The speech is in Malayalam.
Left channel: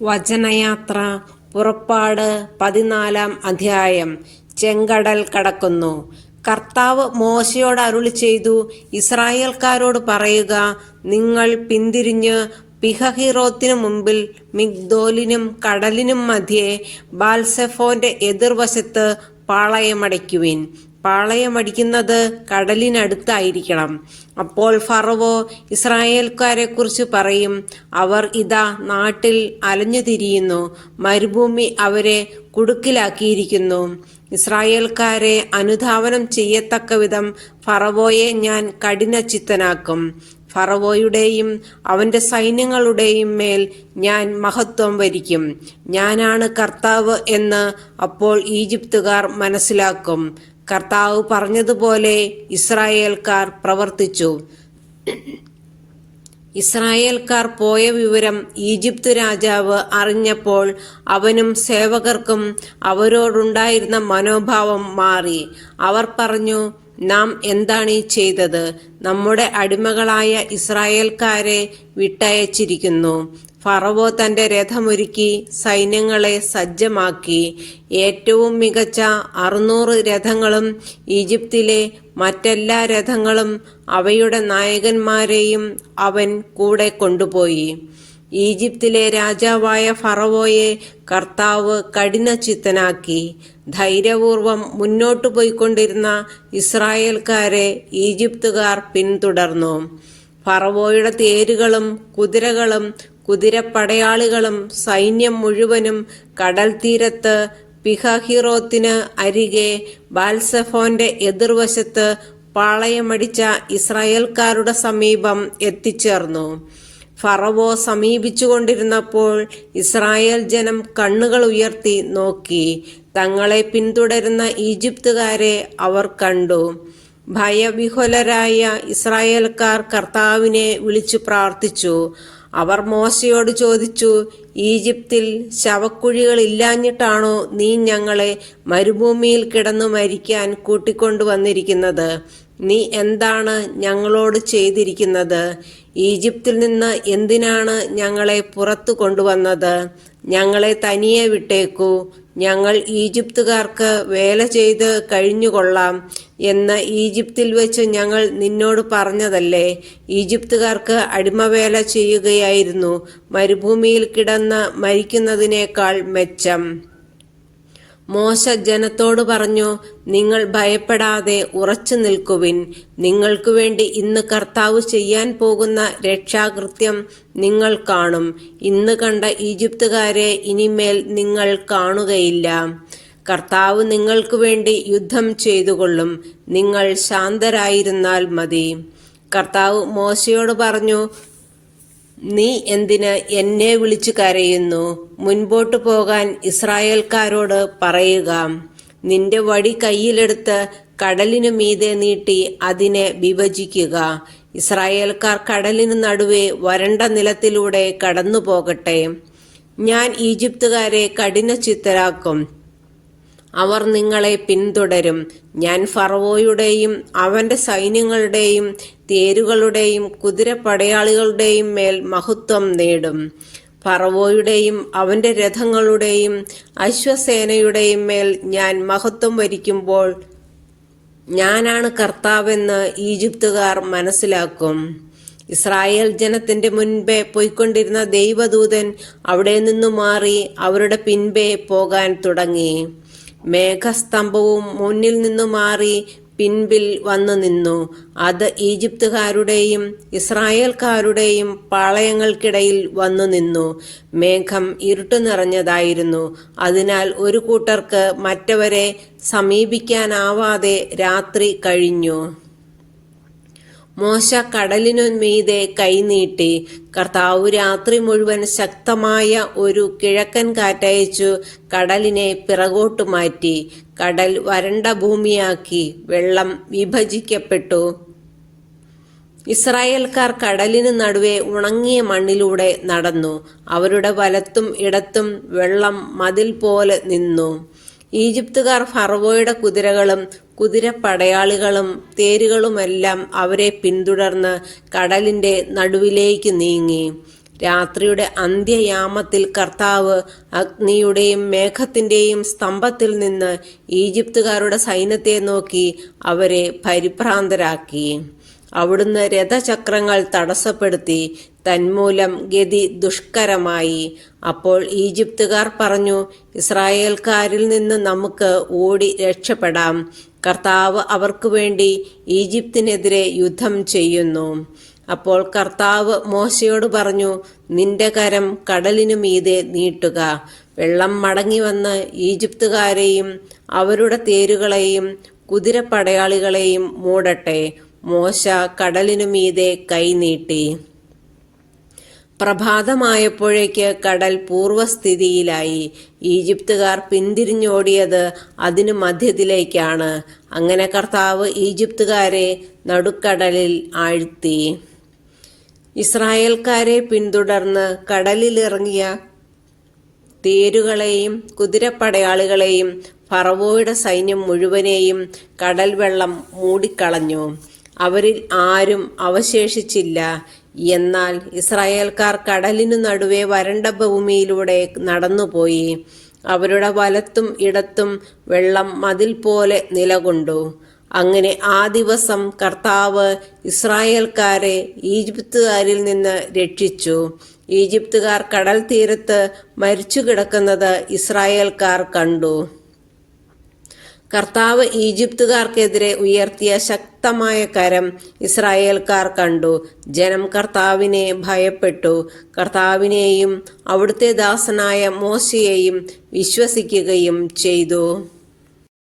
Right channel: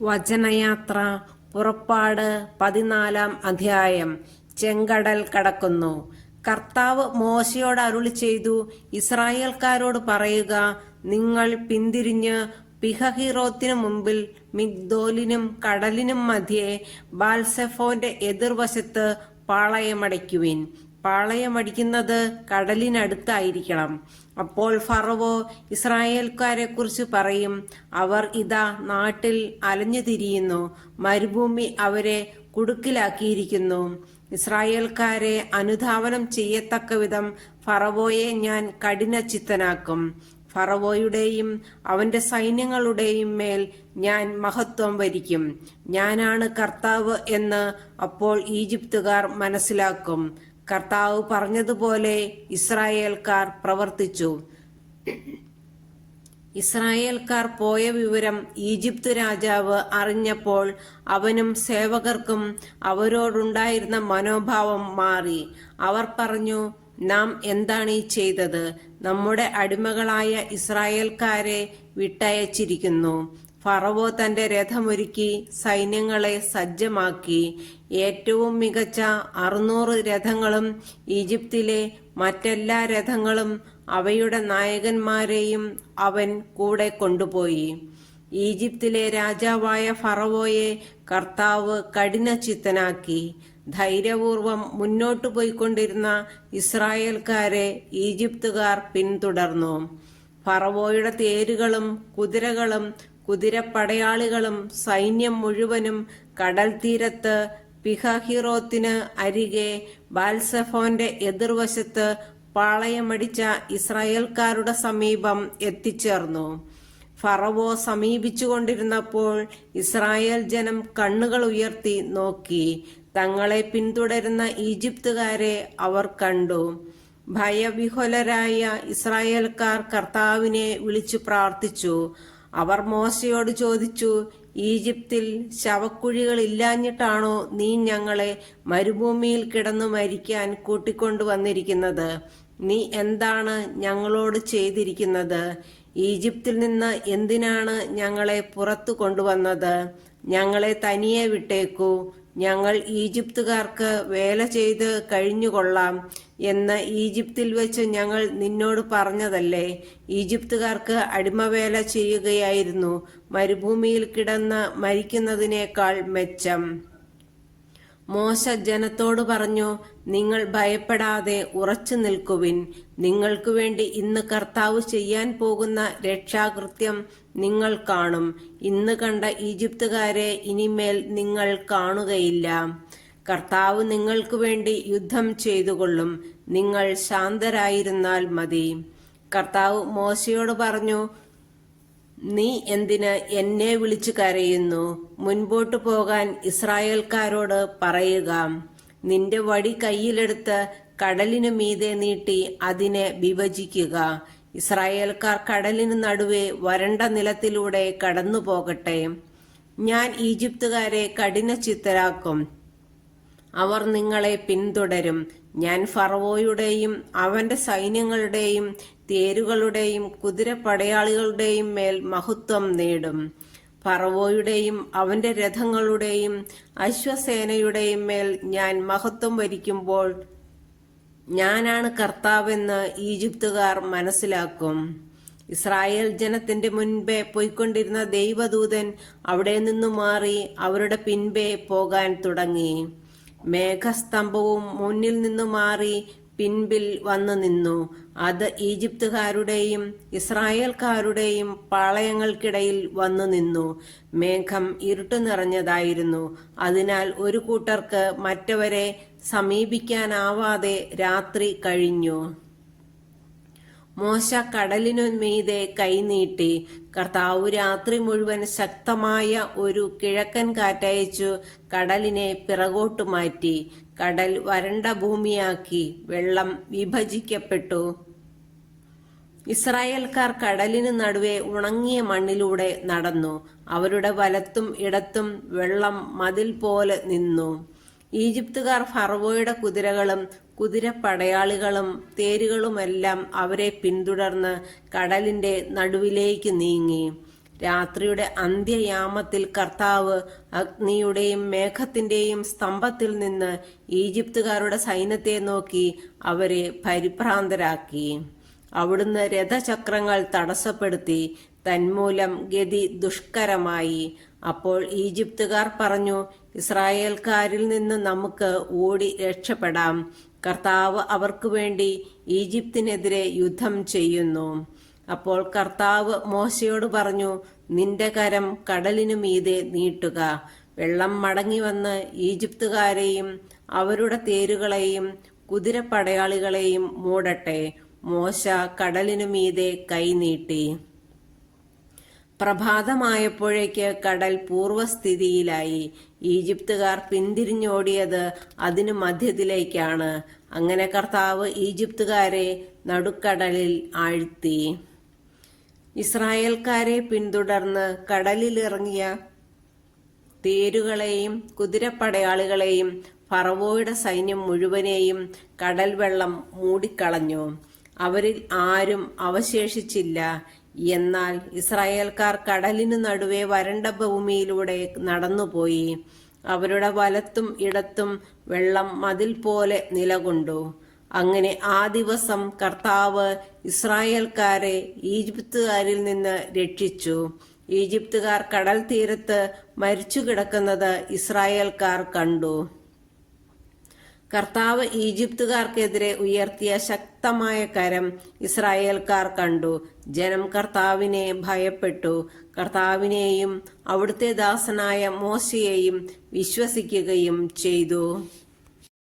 വചനയാത്ര പുറപ്പാട് 14 അധ്യായം. ചെങ്കടൽ കടക്കുന്നു. കർത്താവ് മോശയോട് അരുളിച്ചെയ്തു, ഇസ്രായേൽക്കാരോട് പറയുക, നിങ്ങൾ പിന്തിരിഞ്ഞ് പിഹഹിറോത്തിനു മുമ്പിൽ മിഗ്ദോലിനും കടലിനും മധ്യേ ബാൽസെഫോന്റെ എതിർവശത്ത് പാളയമടിക്കുവിൻ. പാളയമടിക്കുന്നത് കടലിനടുത്തായിരിക്കണം. അപ്പോൾ ഫറവോ ഇസ്രായേൽക്കാരെക്കുറിച്ച് പറയും, അവർ ഇതാ നാട്ടിൽ അലഞ്ഞു തിരിയുന്നു, മരുഭൂമി അവരെ കുടുക്കിലാക്കിയിരിക്കുന്നു. ഇസ്രായേൽക്കാരെ അനുധാവനം ചെയ്യത്തക്കവിധം ഫറവോയെ ഞാൻ കഠിനചിത്തനാക്കും. ഫറവോയുടെയും അവന്റെ സൈന്യങ്ങളുടെയും മേൽ ഞാൻ മഹത്വം വരിക്കും. ഞാനാണ് കർത്താവ് എന്ന് അപ്പോൾ ഈജിപ്തുകാർ മനസ്സിലാക്കും. കർത്താവ് പറഞ്ഞതുപോലെ ഇസ്രായേൽക്കാർ പ്രവർത്തിച്ചു. ഇസ്രായേൽക്കാർ പോയ വിവരം ഈജിപ്ത് രാജാവ് അറിഞ്ഞപ്പോൾ അവനും സേവകർക്കും അവരോടുണ്ടായിരുന്ന മനോഭാവം മാറി. അവർ പറഞ്ഞു, നാം എന്താണ് ഈ ചെയ്തത്? നമ്മുടെ അടിമകളായ ഇസ്രായേൽക്കാരെ വിട്ടയച്ചിരിക്കുന്നു. ഫറവോ തന്റെ രഥമൊരുക്കി സൈന്യങ്ങളെ സജ്ജമാക്കി. ഏറ്റവും മികച്ച 600 രഥങ്ങളും ഈജിപ്തിലെ മറ്റെല്ലാ രഥങ്ങളും അവയുടെ നായകന്മാരെയും അവൻ കൂടെ കൊണ്ടുപോയി. ഈജിപ്തിലെ രാജാവായ ഫറവോയെ കർത്താവ് കഠിനചിത്തനാക്കി. ധൈര്യപൂർവം മുന്നോട്ടു പോയിക്കൊണ്ടിരുന്ന ഇസ്രായേൽക്കാരെ ഈജിപ്തുകാർ പിന്തുടർന്നു. ഫറവോയുടെ തേരുകളും കുതിരകളും കുതിരപ്പടയാളികളും സൈന്യം മുഴുവനും കടൽ തീരത്ത് പിഹഹിറോത്തിന് അരികെ ബാൽസെഫോന്റെ എതിർവശത്ത് പാളയമടിച്ച ഇസ്രായേൽക്കാരുടെ സമീപം എത്തിച്ചേർന്നു. ഫറവോ സമീപിച്ചുകൊണ്ടിരുന്നപ്പോൾ ഇസ്രായേൽ ജനം കണ്ണുകൾ ഉയർത്തി നോക്കി. തങ്ങളെ പിന്തുടരുന്ന ഈജിപ്തുകാരെ അവർ കണ്ടു. ഭയവിഹ്വലരായ ഇസ്രായേൽക്കാർ കർത്താവിനെ വിളിച്ചു പ്രാർത്ഥിച്ചു. അവർ മോശയോട് ചോദിച്ചു, ഈജിപ്തിൽ ശവക്കുഴികളില്ലാഞ്ഞിട്ടാണോ നീ ഞങ്ങളെ മരുഭൂമിയിൽ കിടന്നു മരിക്കാൻ കൂട്ടിക്കൊണ്ടുവന്നിരിക്കുന്നത്? നീ എന്താണ് ഞങ്ങളോട് ചെയ്തിരിക്കുന്നത്? ഈജിപ്തിൽ നിന്ന് എന്തിനാണ് ഞങ്ങളെ പുറത്തു കൊണ്ടുവന്നത്? ഞങ്ങളെ തനിയെ വിട്ടേക്കൂ, ഞങ്ങൾ ഈജിപ്തുകാർക്ക് വേല ചെയ്ത് കഴിഞ്ഞുകൊള്ളാം എന്ന് ഈജിപ്തിൽ വെച്ച് ഞങ്ങൾ നിന്നോട് പറഞ്ഞതല്ലേ? ഈജിപ്തുകാർക്ക് അടിമവേല ചെയ്യുകയായിരുന്നു മരുഭൂമിയിൽ കിടന്ന് മരിക്കുന്നതിനേക്കാൾ മെച്ചം. മോശ ജനത്തോട് പറഞ്ഞു, നിങ്ങൾ ഭയപ്പെടാതെ ഉറച്ചു നിൽക്കുവിൻ. നിങ്ങൾക്ക് വേണ്ടി ഇന്ന് കർത്താവ് ചെയ്യാൻ പോകുന്ന രക്ഷാകൃത്യം നിങ്ങൾ കാണും. ഇന്ന് കണ്ട ഈജിപ്തുകാരെ ഇനിമേൽ നിങ്ങൾ കാണുകയില്ല. കർത്താവ് നിങ്ങൾക്ക് വേണ്ടി യുദ്ധം ചെയ്തുകൊള്ളും. നിങ്ങൾ ശാന്തരായിരുന്നാൽ മതി. കർത്താവ് മോശയോട് പറഞ്ഞു, നീ എന്തിന് എന്നെ വിളിച്ചു കരയുന്നു? മുൻപോട്ട് പോകാൻ ഇസ്രായേൽക്കാരോട് പറയുക. നിന്റെ വടി കയ്യിലെടുത്ത് കടലിനു മീതെ നീട്ടി അതിനെ വിഭജിക്കുക. ഇസ്രായേൽക്കാർ കടലിനു നടുവേ വരണ്ട നിലത്തിലൂടെ കടന്നു പോകട്ടെ. ഞാൻ ഈജിപ്തുകാരെ കഠിനചിത്തരാക്കും. അവർ നിങ്ങളെ പിന്തുടരും. ഞാൻ ഫറവോയുടെയും അവന്റെ സൈന്യങ്ങളുടെയും തേരുകളുടെയും കുതിരപ്പടയാളികളുടെയും മേൽ മഹത്വം നേടും. ഫറവോയുടെയും അവന്റെ രഥങ്ങളുടെയും അശ്വസേനയുടെയും മേൽ ഞാൻ മഹത്വം വരിക്കുമ്പോൾ ഞാനാണ് കർത്താവെന്ന് ഈജിപ്തുകാർ മനസ്സിലാക്കും. ഇസ്രായേൽ ജനത്തിന്റെ മുൻപേ പോയിക്കൊണ്ടിരുന്ന ദൈവദൂതൻ അവിടെ നിന്നു മാറി അവരുടെ പിൻപേ പോകാൻ തുടങ്ങി. മേഘസ്തംഭവും മുന്നിൽ നിന്നു മാറി പിൻപിൽ വന്നു നിന്നു. അത് ഈജിപ്തുകാരുടെയും ഇസ്രായേൽക്കാരുടെയും പാളയങ്ങൾക്കിടയിൽ വന്നു നിന്നു. മേഘം ഇരുട്ടു നിറഞ്ഞതായിരുന്നു. അതിനാൽ ഒരു കൂട്ടർക്ക് മറ്റവരെ സമീപിക്കാനാവാതെ രാത്രി കഴിഞ്ഞു. മോശ കടലിനു മീതെ കൈനീട്ടി. കർത്താവ് രാത്രി മുഴുവൻ ശക്തമായ ഒരു കിഴക്കൻ കാറ്റയച്ചു കടലിനെ പിറകോട്ടു മാറ്റി. കടൽ വരണ്ട ഭൂമിയാക്കി. വെള്ളം വിഭജിക്കപ്പെട്ടു. ഇസ്രായേൽക്കാർ കടലിനു നടുവേ ഉണങ്ങിയ മണ്ണിലൂടെ നടന്നു. അവരുടെ വലത്തും ഇടത്തും വെള്ളം മതിൽ പോലെ നിന്നു. ഈജിപ്തുകാർ ഫറവോയുടെ കുതിരകളും കുതിരപ്പടയാളികളും തേരുകളുമെല്ലാം അവരെ പിന്തുടർന്ന് കടലിന്റെ നടുവിലേക്ക് നീങ്ങി. രാത്രിയുടെ അന്ത്യയാമത്തിൽ കർത്താവ് അഗ്നിയുടെയും മേഘത്തിൻ്റെയും സ്തംഭത്തിൽ നിന്ന് ഈജിപ്തുകാരുടെ സൈന്യത്തെ നോക്കി അവരെ പരിഭ്രാന്തരാക്കി. അവിടുന്ന് രഥചക്രങ്ങൾ തടസ്സപ്പെടുത്തി, തന്മൂലം ഗതി ദുഷ്കരമായി. അപ്പോൾ ഈജിപ്തുകാർ പറഞ്ഞു, ഇസ്രായേൽക്കാരിൽ നിന്ന് നമുക്ക് ഓടി രക്ഷപ്പെടാം. കർത്താവ് അവർക്ക് വേണ്ടി ഈജിപ്തിനെതിരെ യുദ്ധം ചെയ്യുന്നു. അപ്പോൾ കർത്താവ് മോശയോട് പറഞ്ഞു, നിന്റെ കരം കടലിനു മീതെ നീട്ടുക. വെള്ളം മടങ്ങി വന്ന് ഈജിപ്തുകാരെയും അവരുടെ തേരുകളെയും കുതിരപ്പടയാളികളെയും മൂടട്ടെ. മോശ കടലിനു മീതെ കൈനീട്ടി. പ്രഭാതമായപ്പോഴേക്ക് കടൽ പൂർവ്വസ്ഥിതിയിലായി. ഈജിപ്തുകാർ പിന്തിരിഞ്ഞോടിയത് അതിനു മധ്യത്തിലേക്കാണ്. അങ്ങനെ കർത്താവ് ഈജിപ്തുകാരെ നടുക്കടലിൽ ആഴ്ത്തി. ഇസ്രായേൽക്കാരെ പിന്തുടർന്ന് കടലിലിറങ്ങിയ തേരുകളെയും കുതിരപ്പടയാളികളെയും ഫറവോയുടെ സൈന്യം മുഴുവനെയും കടൽ വെള്ളം മൂടിക്കളഞ്ഞു. അവരിൽ ആരും അവശേഷിച്ചില്ല. എന്നാൽ ഇസ്രായേൽക്കാർ കടലിനു നടുവെ വരണ്ട ഭൂമിയിലൂടെ നടന്നുപോയി. അവരുടെ വലത്തും ഇടത്തും വെള്ളം മതിൽ പോലെ നിലകൊണ്ടു. അങ്ങനെ ആ ദിവസം കർത്താവ് ഇസ്രായേൽക്കാരെ ഈജിപ്തുകാരിൽ നിന്ന് രക്ഷിച്ചു. ഈജിപ്തുകാർ കടൽ തീരത്ത് മരിച്ചു കിടക്കുന്നത് ഇസ്രായേൽക്കാർ കണ്ടു. കർത്താവ് ഈജിപ്തുകാർക്കെതിരെ ഉയർത്തിയ ശക്തമായ കരം ഇസ്രായേൽക്കാർ കണ്ടു. ജനം കർത്താവിനെ ഭയപ്പെട്ടു. കർത്താവിനെയും അവിടുത്തെ ദാസനായ മോശയെയും വിശ്വസിക്കുകയും ചെയ്തു.